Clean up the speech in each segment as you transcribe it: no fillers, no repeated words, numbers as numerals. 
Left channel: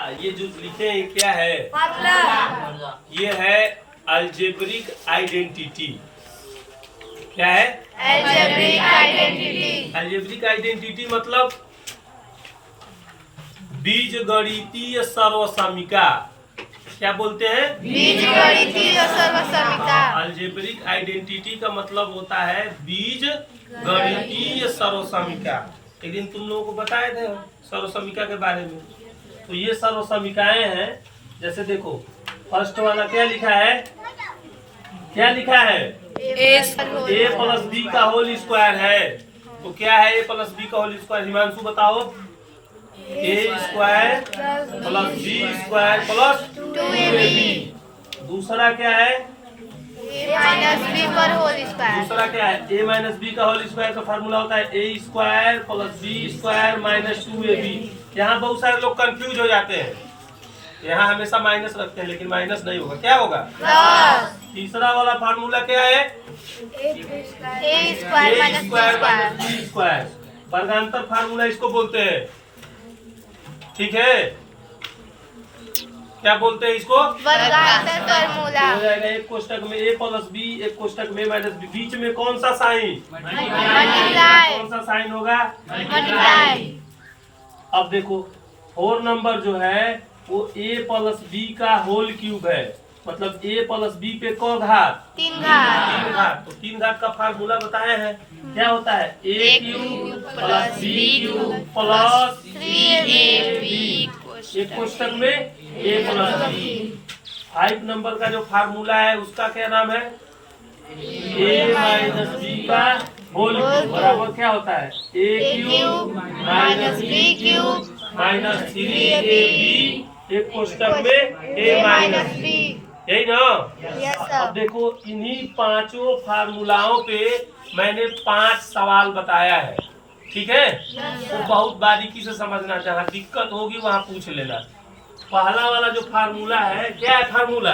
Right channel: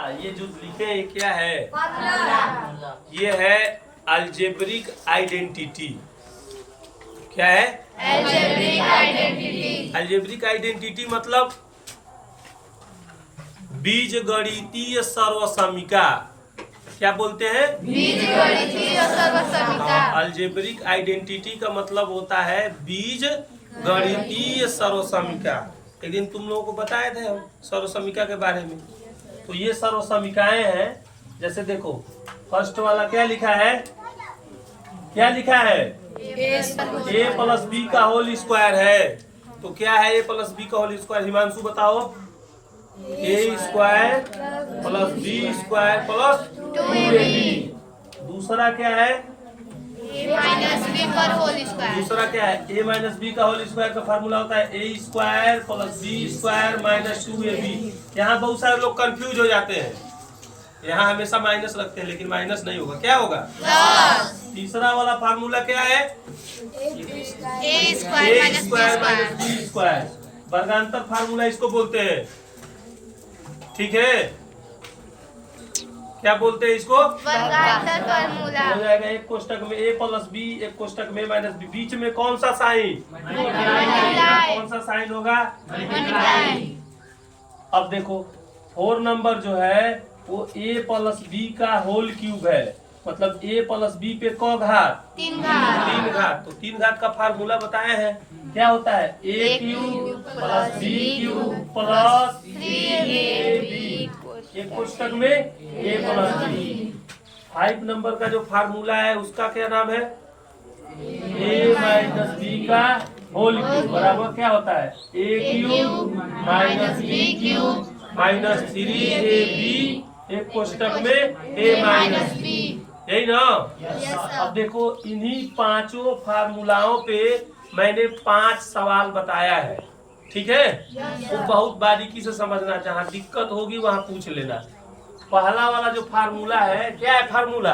ये जो लिखे हैं क्या है? ये है अलजेब्रिक आइडेंटिटी। क्या है? Algebraic identity. अलजेब्रिक आइडेंटिटी मतलब बीजगणितीय सर्वसमीका। क्या बोलते हैं? बीजगणितीय सर्वसमीका। अलजेब्रिक आइडेंटिटी का मतलब होता है बीजगणितीय सर्वसमीका। एक दिन तुम लोगों को बताए थे हम सर्वसमीका के बारे में। तो ये सर्वसमीकाएं हैं। जैसे देखो फर्स्ट वाला क्या लिखा है? क्या लिखा है? ए प्लस बी का होल स्क्वायर है। तो क्या है ए प्लस बी का होल स्क्वायर? हिमांशु बताओ। A square plus B square plus 2ab। दूसरा क्या है? दूसरा क्या है? ए माइनस बी का होल स्क्वायर का फार्मूला होता है A square plus B square minus 2ab। यहाँ बहुत सारे लोग कंफ्यूज हो जाते हैं। यहाँ हमेशा माइनस रखते हैं लेकिन माइनस नहीं होगा। क्या होगा? तीसरा वाला फार्मूला क्या है? A square minus B square. वर्गांतर फार्मूला इसको बोलते हैं। ठीक है, क्या बोलते हैं इसको? वर्गांतर फार्मूला। हो जाएगा एक कोष्टक में ए प्लस बी, एक कोष्टक में माइनस बी। बीच में कौन सा साइन? कौन सा साइन होगा? अब देखो 4 नंबर जो है वो ए प्लस बी का होल क्यूब है। मतलब ए प्लस बी पे क घात? 3 घात। 3 घात। तो 3 घात का फार्मूला बताए हैं। क्या होता है? A cube plus B cube plus 3ab। एक कोष्टक में ए प्लस बी। 5 नंबर का जो फार्मूला है उसका क्या नाम है? ए माइनस बी का होल क्यूब बराबर क्या होता है? A cube minus B cube minus 3ab। एक कोष्टक में ए माइनस बी। यही ना? अब देखो इन्हीं पांचों फार्मूलाओं पे मैंने 5 सवाल बताया है। ठीक है, वो बहुत बारीकी से समझना। जहाँ दिक्कत होगी वहाँ पूछ लेना। पहला वाला जो फार्मूला है क्या है? फार्मूला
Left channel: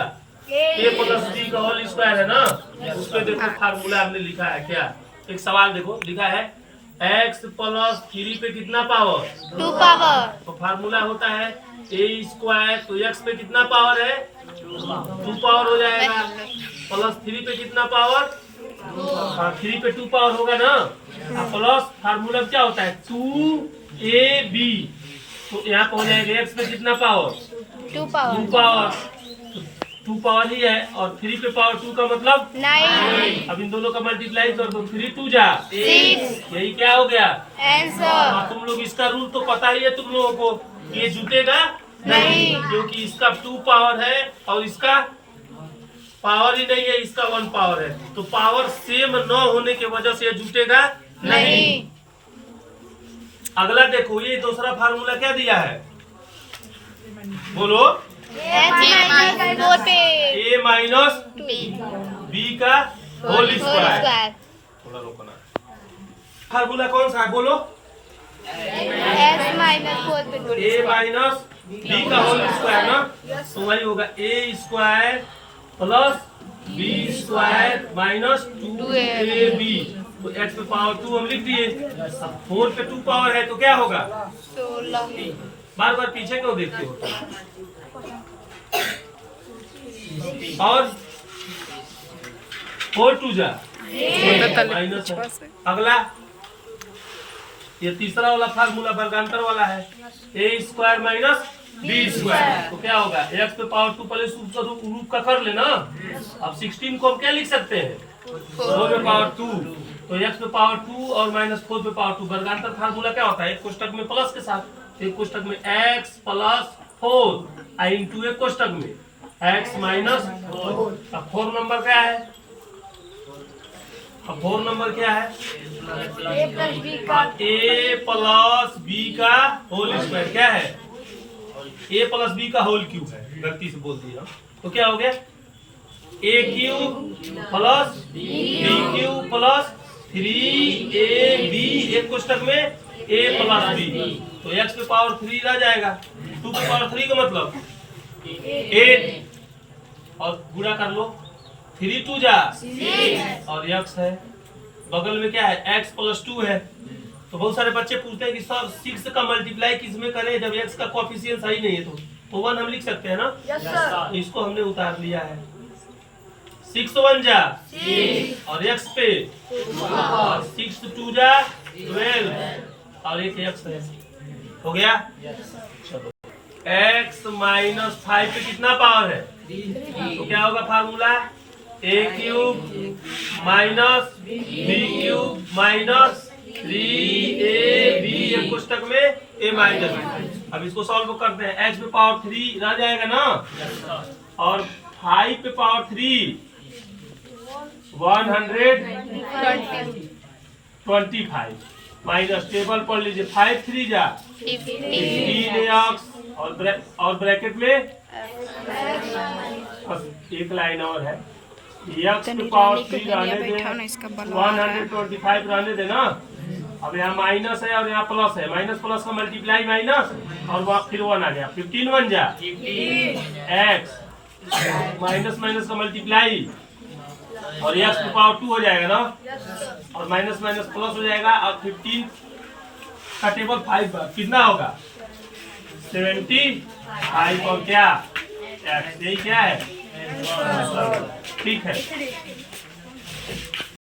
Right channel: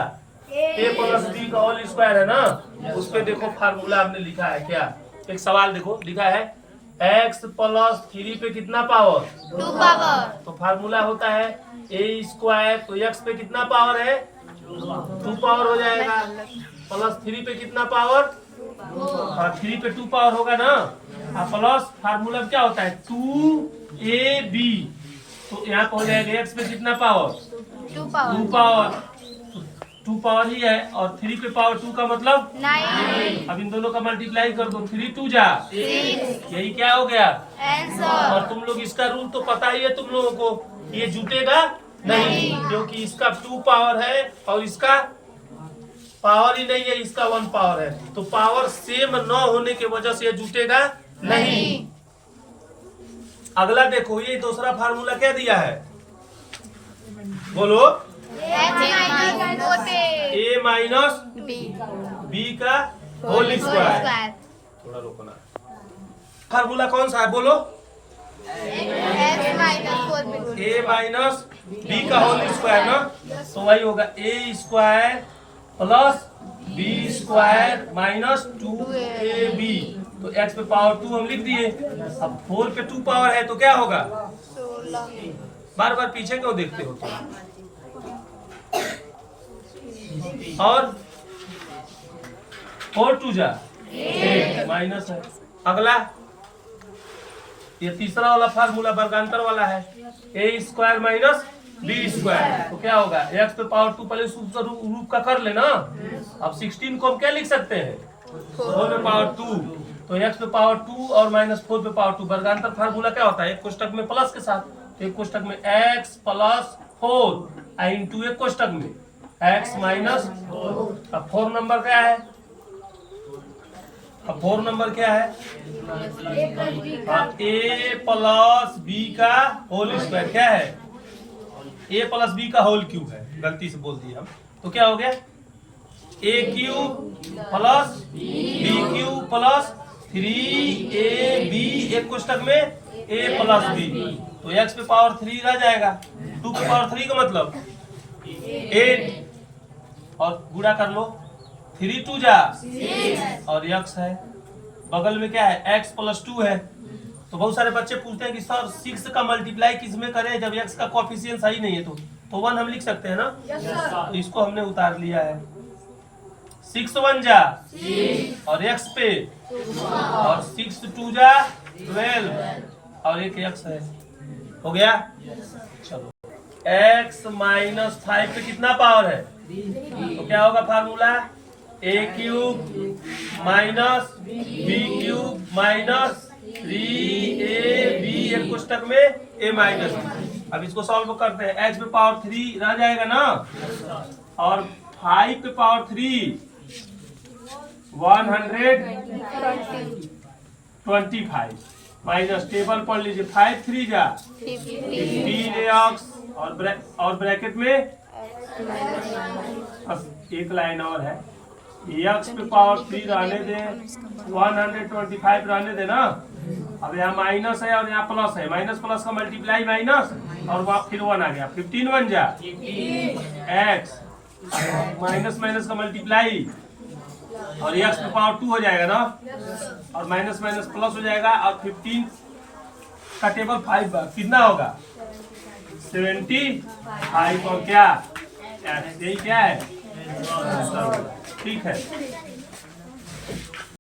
ए प्लस बी का होल स्क्वायर है ना। उस पे देखो फार्मूला हमने लिखा है क्या? एक सवाल देखो लिखा है x प्लस 3 पे कितना पावर? 2 पावर। तो फार्मूला होता है ए स्क्वायर। तो x पे कितना पावर है? 2 पावर हो जाएगा। प्लस 3 पे कितना पावर? 3 पे 2 पावर होगा ना। प्लस फार्मूला क्या होता है? 2ab। तो यहाँ पे हो जाएगा x पे कितना पावर? 2 पावर। 2 पावर। 2 पावर ही है और 3 पे पावर 2 का मतलब 9। अब इन दोनों का मल्टीप्लाई कर दो। 3 2 जा 6। यही क्या हो गया? आंसर। और तुम लोग इसका रूल तो पता ही है तुम लोगों को। ये जुटेगा नहीं क्योंकि इसका 2 पावर है और इसका पावर ही नहीं है। इसका 1 पावर है। तो पावर सेम न होने की वजह से ये जुटेगा नहीं। अगला देखो ये दूसरा फार्मूला क्या दिया है? बोलो। ए माइनस बी का होल स्क्वायर। थोड़ा रोकना। फार्मूला कौन सा है? बोलो। ए माइनस बी का होल स्क्वायर ना। तो वही होगा A square plus B square minus 2ab। तो x पे पावर 2 हम लिख दिए। अब 4 पे 2 पावर है तो क्या होगा? 16। बार बार पीछे क्यों देखते हो? और 4 2 जा माइनस है। अगला ये तीसरा वाला फार्मूला वर्गांतर वाला है A square minus B square. तो क्या होगा? x पे पावर 2 पहले रूप का कर लेना। अब 16 को हम क्या लिख सकते हैं? 4 पे पावर 2। तो x पे पावर 2 और माइनस 4 पे पावर 2। वर्गांतर फार्मूला क्या होता है? एक कोष्टक में प्लस के साथ। एक कोष्टक में x प्लस 4 इंटू एक कोष्टक में x माइनस 4। अब 4 नंबर क्या है? अब 4 नंबर क्या है? ए प्लस बी का होल स्क्वायर। क्या है? ए प्लस बी का होल क्यूब है। गलती से बोल दिया हम। तो क्या हो गया? A cube plus B cube plus 3ab। एक कोष्टक में a प्लस बी। तो x पे पावर 3 रह जाएगा। 2 पे पावर 3 का मतलब 8 और गुणा कर लो। 3 2 जा 6 और x है बगल में क्या है? x प्लस 2 है। तो बहुत सारे बच्चे पूछते हैं कि सर 6 का मल्टीप्लाई किस में करें जब x का कोएफिशिएंट सही नहीं है। तो तो 1 हम लिख सकते हैं ना। इसको हमने उतार लिया है। 6 1 जा और x पे और 6 2 जा 12 और एक x है। हो गया। चलो x माइनस 5 पे कितना पावर है? तो क्या होगा formula? a cube minus b cube minus 3ab एक कोष्टक में a माइनस b। अब इसको सॉल्व करते हैं। x पे पावर 3 रह जाएगा ना, और 5 पे पावर 3 125 माइनस टेबल पढ़ लीजिए। 5 3 जा 15x और ब्रैकेट में एक लाइन और है। x पे पावर 3 रहने दे, 125 रहने दे ना। अब यहाँ माइनस है और यहाँ प्लस है। माइनस प्लस का मल्टीप्लाई माइनस और वहाँ फिर 1 आ गया। 15 1 जा x माइनस माइनस का मल्टीप्लाई और x पे पावर 2 हो जाएगा ना, और माइनस माइनस प्लस हो जाएगा। और 15 का टेबल 5 बार कितना होगा? 75 और क्या x, यही क्या है? ठीक है।